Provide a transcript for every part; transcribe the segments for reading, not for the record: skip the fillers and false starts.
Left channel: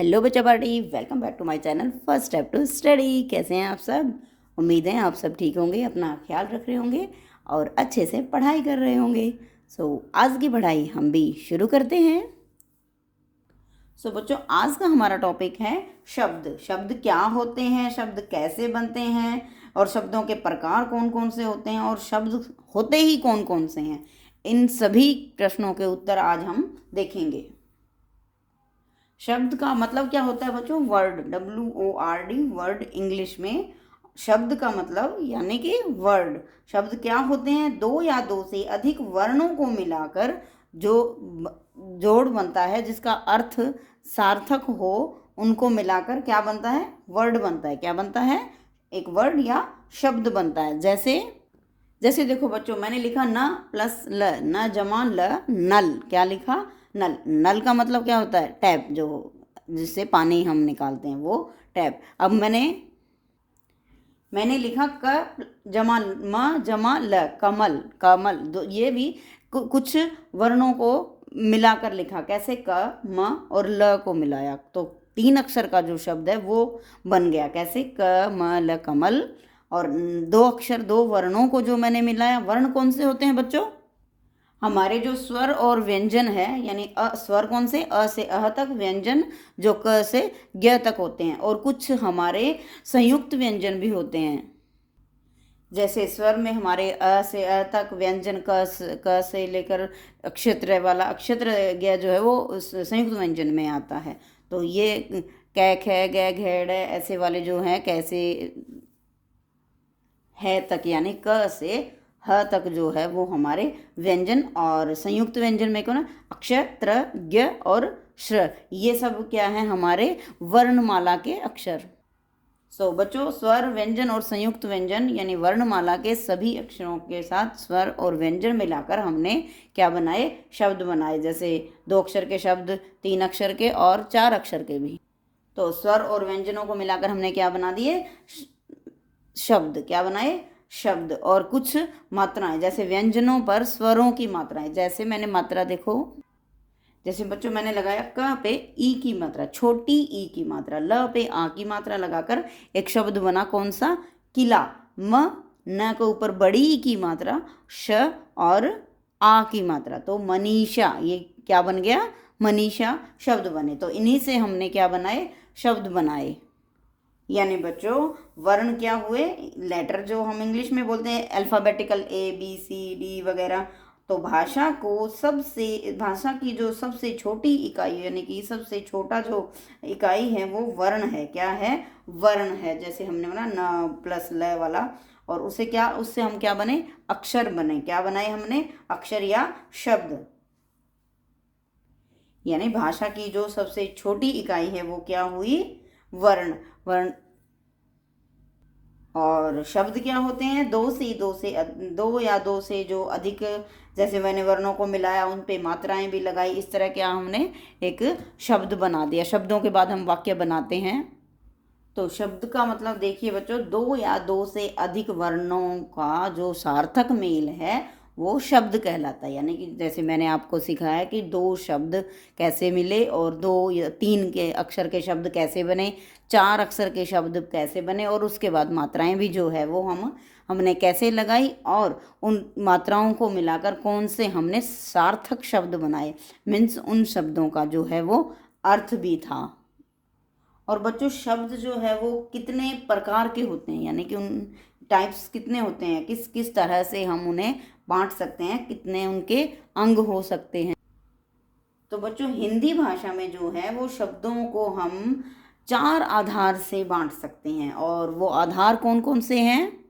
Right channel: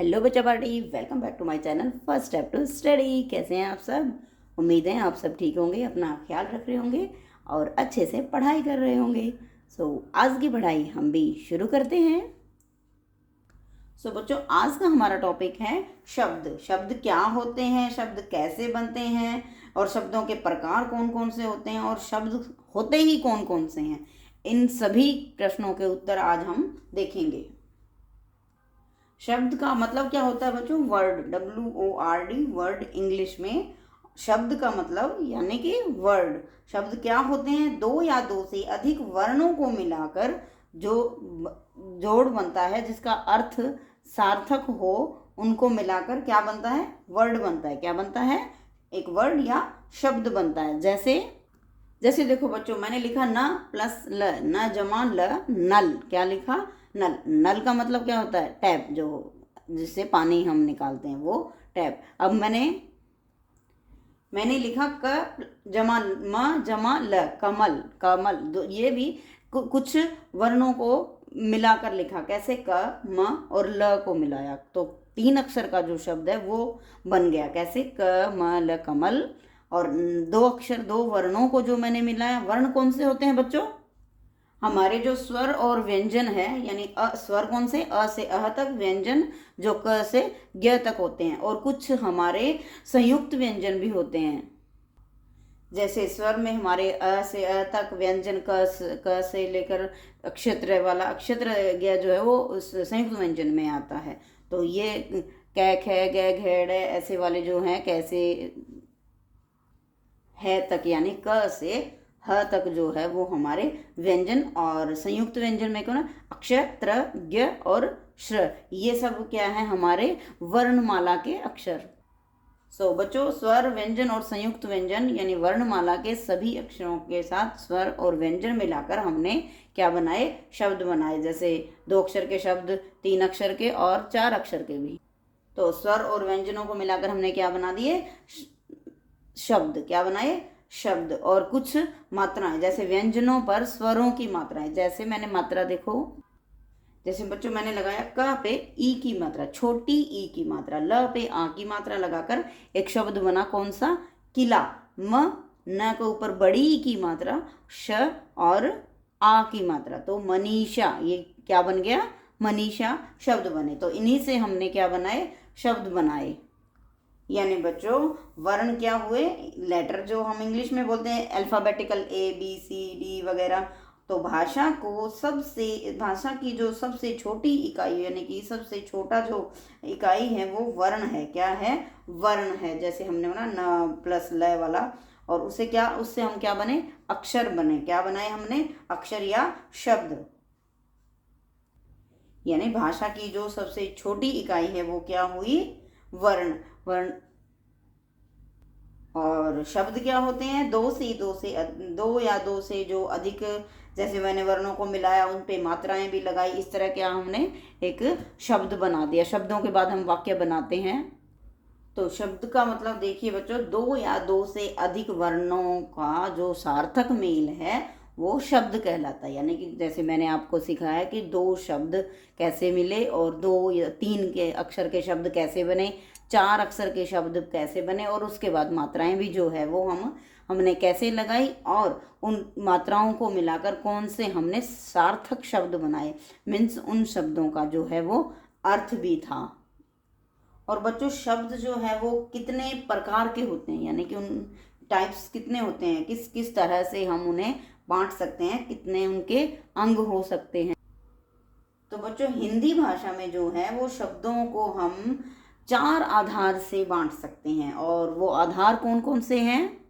Hello बच्चा party, welcome back to my channel first step to study. कैसे हैं आप सब? उम्मीद है आप सब ठीक होंगे, अपना ख्याल रख रहे होंगे और अच्छे से पढ़ाई कर रहे होंगे। आज की पढ़ाई हम भी शुरू करते हैं। बच्चों, आज का हमारा टॉपिक है शब्द। शब्द क्या होते हैं, शब्द कैसे बनते हैं और शब्दों के प्रकार कौन कौन से होते हैं और शब्द होते ही कौन कौन से हैं। इन सभी प्रश्नों के उत्तर आज हम देखेंगे। शब्द का मतलब क्या होता है बच्चों? वर्ड, WORD, वर्ड इंग्लिश में। शब्द का मतलब यानी कि वर्ड। शब्द क्या होते हैं? दो या दो से अधिक वर्णों को मिलाकर जो जोड़ बनता है, जिसका अर्थ सार्थक हो, उनको मिलाकर क्या बनता है? वर्ड बनता है। क्या बनता है? एक वर्ड या शब्द बनता है। जैसे जैसे देखो बच्चों, मैंने लिखा न प्लस ल, न जमा ल, नल। क्या लिखा? नल। नल का मतलब क्या होता है? टैप, जो जिससे पानी हम निकालते हैं, वो टैप। अब मैंने लिखा क जमा म जमा ल, कमल। कमल। ये भी कुछ वर्णों को मिलाकर लिखा। कैसे? क, म और ल को मिलाया तो 3 अक्षर का जो शब्द है वो बन गया। कैसे? क म ल, कमल। और 2 अक्षर, 2 वर्णों को जो मैंने मिलाया। वर्ण कौन से होते हैं बच्चों? हमारे जो स्वर और व्यंजन है, यानी स्वर कौन से? अ से अह तक, व्यंजन जो क से ज्ञ तक होते हैं। और कुछ हमारे संयुक्त व्यंजन भी होते हैं। जैसे स्वर में हमारे अ से अ तक, व्यंजन क से लेकर अक्षत्र वाला अक्षत्र ज्ञ जो है वो उस संयुक्त व्यंजन में आता है। तो ये कै खे गै घेड़ ऐसे वाले जो हैं, कैसे है तक, यानी क से ह तक जो है वो हमारे व्यंजन। और संयुक्त व्यंजन में कौन? अक्षर, त्र, ज्ञ और श्र। ये सब क्या है? हमारे वर्णमाला के अक्षर। बच्चों, स्वर, व्यंजन और संयुक्त व्यंजन यानी वर्णमाला के सभी अक्षरों के साथ स्वर और व्यंजन मिलाकर हमने क्या बनाए? शब्द बनाए। जैसे 2 अक्षर के शब्द, 3 अक्षर के और 4 अक्षर के भी। तो स्वर और व्यंजनों को मिलाकर हमने क्या बना दिए? शब्द। क्या बनाए? शब्द। और कुछ मात्राएं, जैसे व्यंजनों पर स्वरों की मात्राएं। जैसे मैंने मात्रा देखो, जैसे बच्चों मैंने लगाया क पे ई की मात्रा, छोटी ई की मात्रा। ल पे आ की मात्रा लगाकर एक शब्द बना। कौन सा? किला। म न के ऊपर बड़ी ई की मात्रा, श और आ की मात्रा, तो मनीषा। ये क्या बन गया? मनीषा शब्द बने। तो इन्हीं से हमने क्या बनाए? शब्द बनाए। यानी बच्चों, वर्ण क्या हुए? लेटर, जो हम इंग्लिश में बोलते हैं अल्फाबेटिकल ABCD वगैरह। तो भाषा की जो सबसे छोटी इकाई, यानी कि सबसे छोटा जो इकाई है वो वर्ण है। क्या है? वर्ण है। जैसे हमने बोला न प्लस ल वाला, और उससे हम क्या बने? अक्षर बने। क्या बनाए हमने? अक्षर या शब्द। यानी भाषा की जो सबसे छोटी इकाई है वो क्या हुई? वर्ण। वर्ण। और शब्द क्या होते हैं? दो या दो से जो अधिक, जैसे मैंने वर्णों को मिलाया, उन पे मात्राएं भी लगाई। इस तरह क्या हमने एक शब्द बना दिया। शब्दों के बाद हम वाक्य बनाते हैं। तो शब्द का मतलब देखिए बच्चों, 2 या 2 से अधिक वर्णों का जो सार्थक मेल है वो शब्द कहलाता है। यानी कि जैसे मैंने आपको सिखाया कि 2 शब्द कैसे मिले, और 2 या 3 के अक्षर के शब्द कैसे बने, 4 अक्षर के शब्द कैसे बने, और उसके बाद मात्राएं भी जो है वो हमने कैसे लगाई, और उन मात्राओं को मिलाकर कौन से हमने सार्थक शब्द बनाए। मीन्स उन शब्दों का जो है वो अर्थ भी था। और बच्चों, शब्द जो है वो कितने प्रकार के होते हैं, यानी कि उन टाइप्स कितने होते हैं, किस किस तरह से हम उन्हें बांट सकते हैं, कितने उनके अंग हो सकते हैं। तो बच्चों, हिंदी भाषा में जो है वो शब्दों को हम 4 आधार से बांट सकते हैं। और वो आधार कौन कौन से हैं?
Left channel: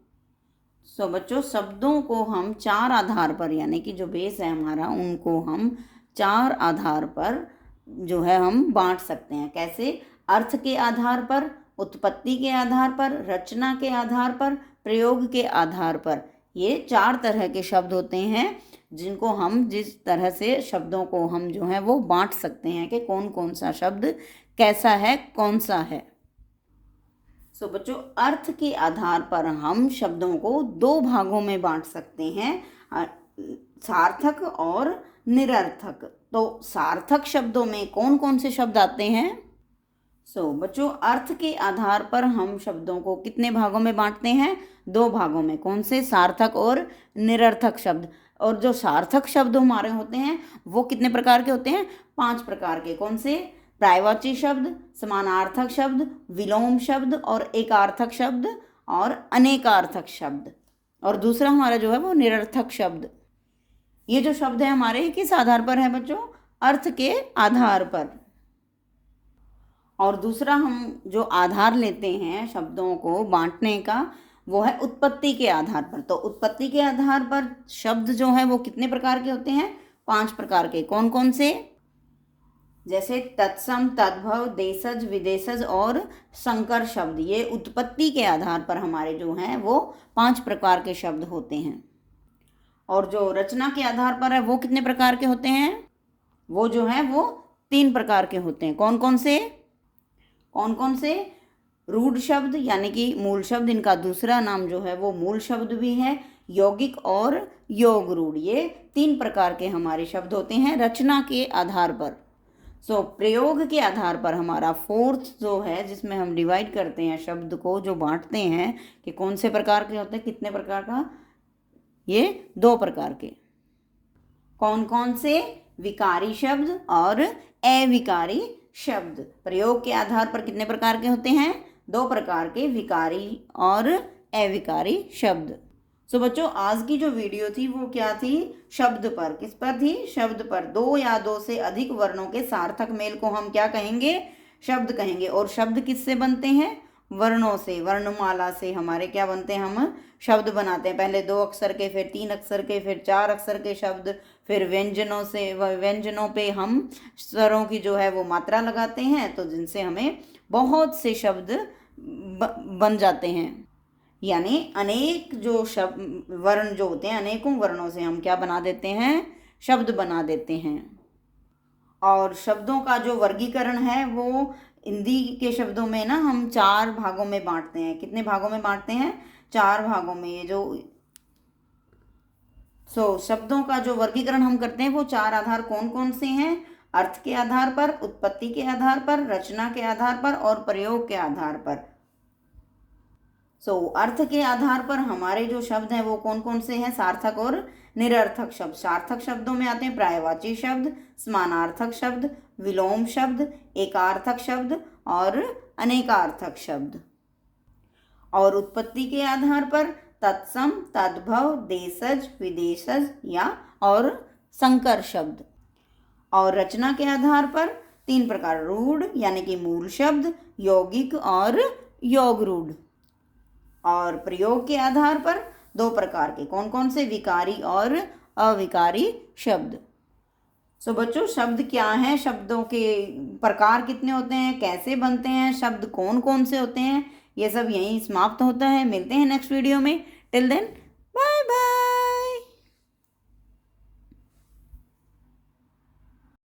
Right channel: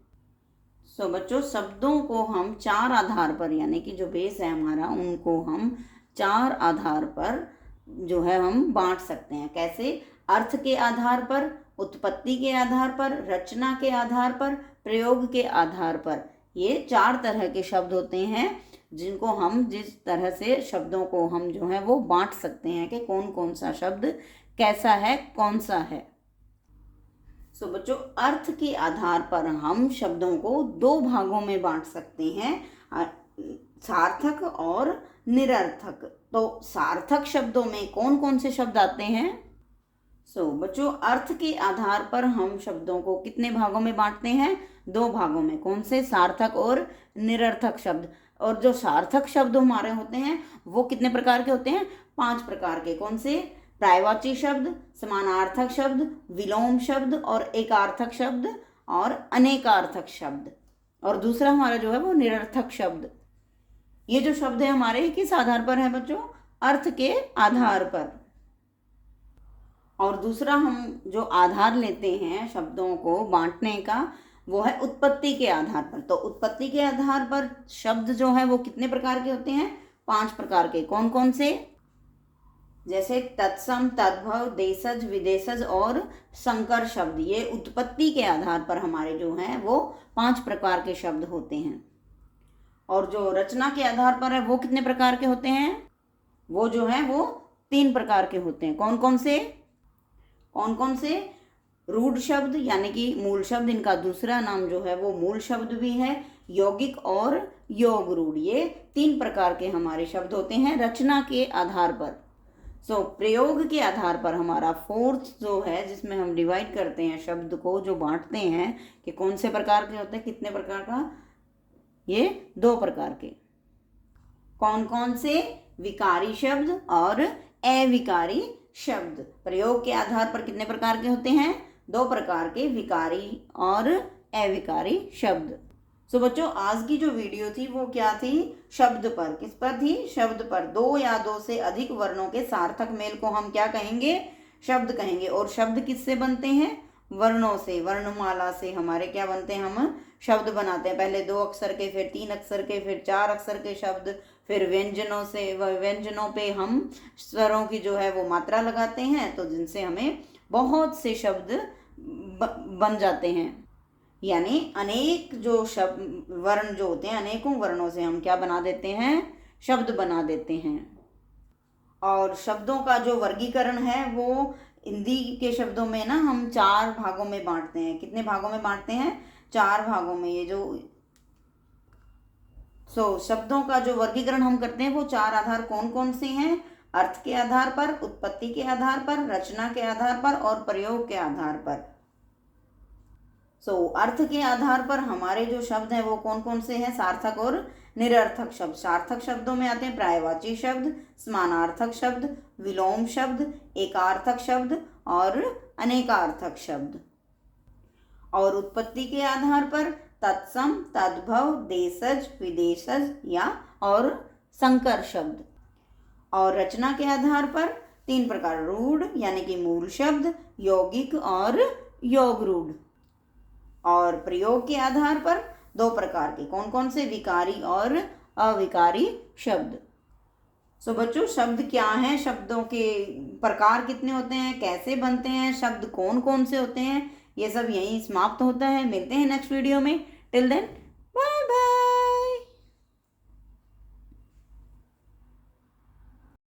बच्चों, शब्दों को हम 4 आधार पर, यानी कि जो बेस है हमारा, उनको हम 4 आधार पर जो है हम बांट सकते हैं। कैसे? अर्थ के आधार पर, उत्पत्ति के आधार पर, रचना के आधार पर, प्रयोग के आधार पर। ये 4 तरह के शब्द होते हैं जिनको हम, जिस तरह से शब्दों को हम जो है वो बांट सकते हैं कि कौन कौन सा शब्द कैसा है, कौन सा है। बच्चों, अर्थ के आधार पर हम शब्दों को 2 भागों में बांट सकते हैं, सार्थक और निरर्थक। तो सार्थक शब्दों में कौन कौन से शब्द आते हैं? बच्चों, अर्थ के आधार पर हम शब्दों को कितने भागों में बांटते हैं? 2 भागों में। कौन से? सार्थक और निरर्थक शब्द। और जो सार्थक शब्द हमारे होते हैं वो कितने प्रकार के होते हैं? 5 प्रकार के। कौन से? पर्यायवाची शब्द, समानार्थक शब्द, विलोम शब्द और एकार्थक शब्द और अनेकार्थक शब्द। और दूसरा हमारा जो है वो निरर्थक शब्द। ये जो शब्द है हमारे किस आधार पर है बच्चों? अर्थ के आधार पर। और दूसरा हम जो आधार लेते हैं शब्दों को बांटने का, वो है उत्पत्ति के आधार पर। तो उत्पत्ति के आधार पर शब्द जो है वो कितने प्रकार के होते हैं? 5 प्रकार के। कौन कौन से? जैसे तत्सम, तद्भव, देशज, विदेशज और संकर शब्द। ये उत्पत्ति के आधार पर हमारे जो हैं वो 5 प्रकार के शब्द होते हैं। और जो रचना के आधार पर है वो कितने प्रकार के होते हैं? वो जो है वो 3 प्रकार के होते हैं। कौन कौन से? कौन कौन से? रूढ़ शब्द यानी कि मूल शब्द, इनका दूसरा नाम जो है वो मूल शब्द भी है, यौगिक और योग रूढ़। ये 3 प्रकार के हमारे शब्द होते हैं रचना के आधार पर। प्रयोग के आधार पर हमारा 4th जो है, जिसमें हम डिवाइड करते हैं शब्द को, जो बांटते हैं कि कौन से प्रकार के होते हैं, कितने प्रकार का? ये 2 प्रकार के। कौन कौन से? विकारी शब्द और अविकारी शब्द। प्रयोग के आधार पर कितने प्रकार के होते हैं? 2 प्रकार के, विकारी और अविकारी शब्द। बच्चों, आज की जो वीडियो थी वो क्या थी? शब्द पर। किस पर थी? शब्द पर। 2 या 2 से अधिक वर्णों के सार्थक मेल को हम क्या कहेंगे? शब्द कहेंगे। और शब्द किससे बनते हैं? वर्णों से, वर्णमाला से हमारे क्या बनते हैं? हम शब्द बनाते हैं। पहले 2 अक्षर के, फिर 3 अक्षर के, फिर 4 अक्षर के शब्द, फिर व्यंजनों से, व्यंजनों पे हम स्वरों की जो है वो मात्रा लगाते हैं, तो जिनसे हमें बहुत से शब्द बन जाते हैं। यानी अनेक जो शब्द वर्ण जो होते हैं, अनेकों वर्णों से हम क्या बना देते हैं? शब्द बना देते हैं। और शब्दों का जो वर्गीकरण है वो हिंदी के शब्दों में ना हम 4 भागों में बांटते हैं। कितने भागों में बांटते हैं? 4 भागों में। ये जो शब्दों का जो वर्गीकरण हम करते हैं वो 4 आधार कौन कौन से हैं? अर्थ के आधार पर, उत्पत्ति के आधार पर, रचना के आधार पर और प्रयोग के आधार पर। अर्थ के आधार पर हमारे जो शब्द हैं वो कौन कौन से हैं? सार्थक और निरर्थक शब्द। सार्थक शब्दों में आते हैं पर्यायवाची शब्द, समानार्थक शब्द, विलोम शब्द, एकार्थक शब्द और अनेकार्थक शब्द। और उत्पत्ति के आधार पर तत्सम, तद्भव, देशज, विदेशज या और संकर शब्द। और रचना के आधार पर 3 प्रकार, रूढ़ यानी कि मूल शब्द, यौगिक और योग रूढ़। और प्रयोग के आधार पर 2 प्रकार के। कौन कौन से? विकारी और अविकारी शब्द। बच्चों, शब्द क्या हैं? शब्दों के प्रकार कितने होते हैं? कैसे बनते हैं? शब्द कौन कौन से होते हैं? ये सब यहीं समाप्त होता है। मिलते हैं नेक्स्ट वीडियो में। Till then